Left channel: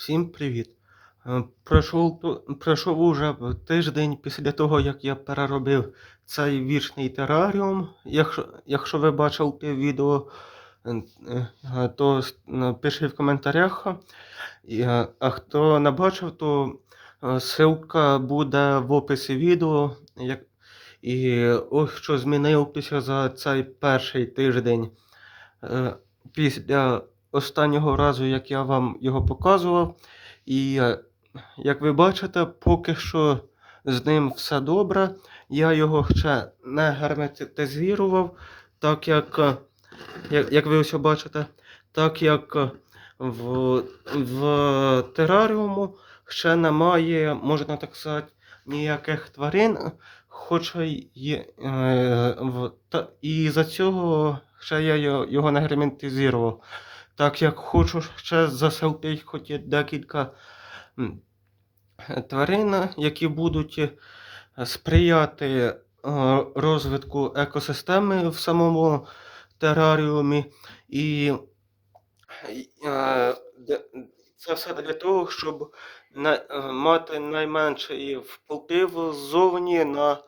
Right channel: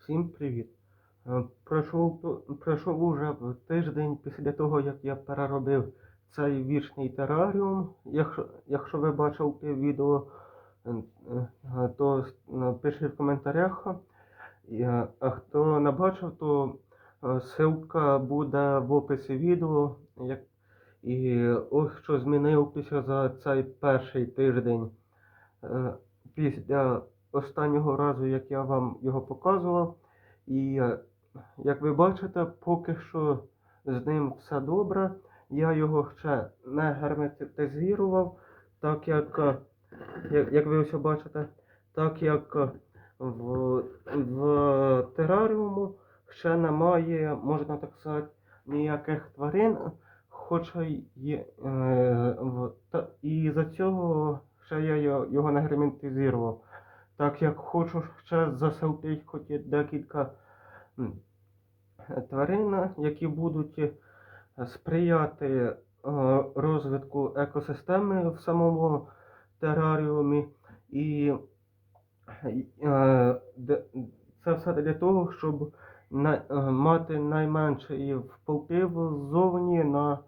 Всім привіт! Е, Пройшов, пройшов уже тиждень після того, як я переробив цей вічний тераріум. Якщо, якщо ви бачили відео, е, е, то пишіть в коментарях. А хто не бачив, то ссылка буде в описі відео. І ось що змінилося за цей перший тиждень. Після останнього разу, як я вам його показував. І е, як ви бачите, поки що з ним все добре. Я його ще не герметизував, так як, е, як, як ви ось бачите, так як е, в, в тераріуму ще немає, можна так сказати, ніяких тварин, хоча та, і за цього ще я його не герметизував. Так як хочу ще заселити хоч декілька тварин, які будуть е, сприяти е, розвитку екосистеми в самому тераріумі. І е, це все для того, щоб мати найменший вплив ззовні на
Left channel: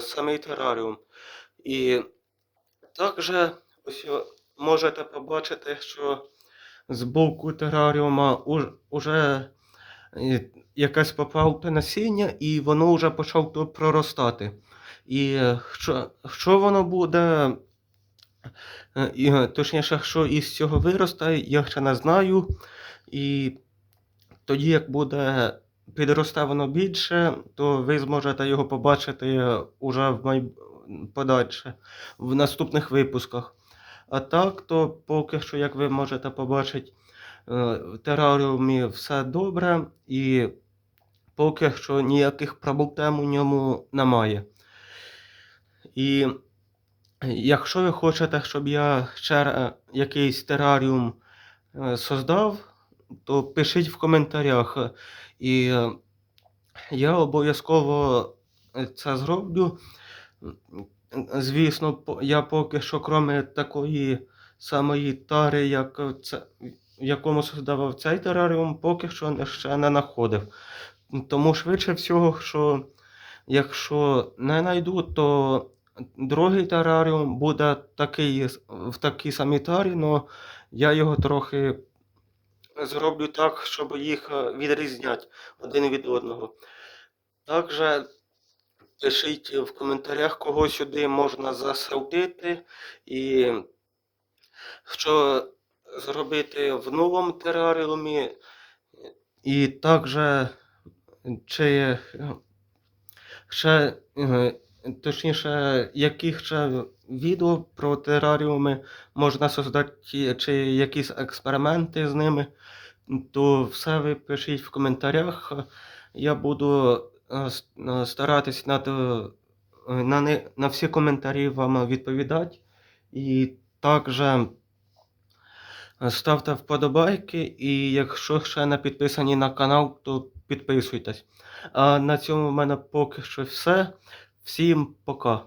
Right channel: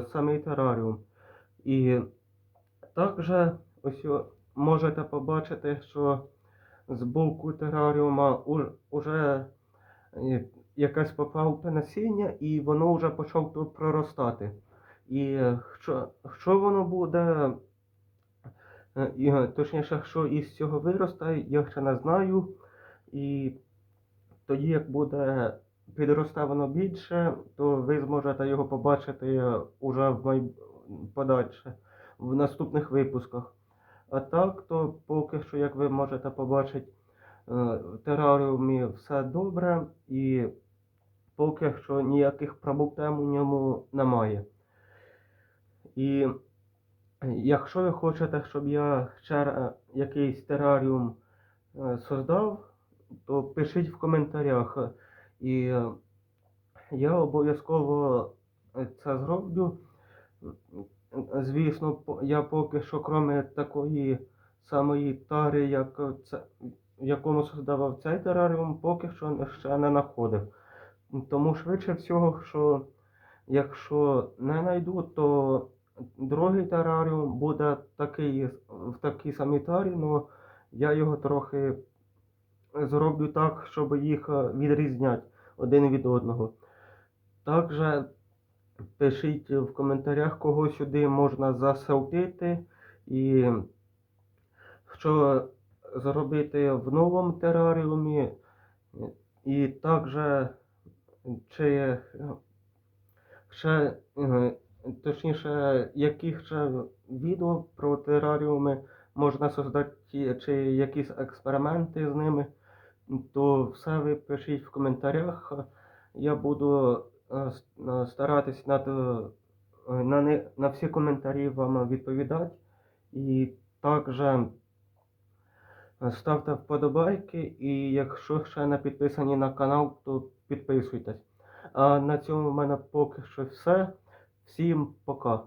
самий тераріум. І також ось можете побачити, що з боку тераріума уж- уже е, якесь попалте насіння, і воно вже почало тут проростати. І е, що, що воно буде, е, і, е, точніше, що із цього виросте, я ще не знаю. І тоді, як буде підросте воно більше, то ви зможете його побачити уже в майб... подальше, в наступних випусках. А так, то поки що, як ви можете побачити, е, в тераріумі все добре, і поки що ніяких проблем у ньому немає. І якщо ви хочете, щоб я ще якийсь тераріум е, создав, то пишіть в коментарях. І е, я обов'язково е, це зроблю. Звісно, я поки що, крім такої самої тари, як це, в якому создавав цей тераріум, поки що ще не знаходив. Тому швидше всього, що якщо не знайду, то другий тераріум буде такий, в такій самій тарі, але я його трохи зроблю так, щоб їх відрізняти один від одного. Також пишіть в коментарях, кого сюди можна засалтити і що зробити в новому тераріумі. І також чи ще, е, точніше, яких ще відео про тераріуми можна создати, чи якісь експерименти з ними, то все ви пишіть в коментарях. Я буду старатись на, е, на, не- на всі коментарі вам відповідати. І також ставте вподобайки, і якщо ще не підписані на канал, то підписуйтесь. А на цьому в мене поки що все. Всім пока.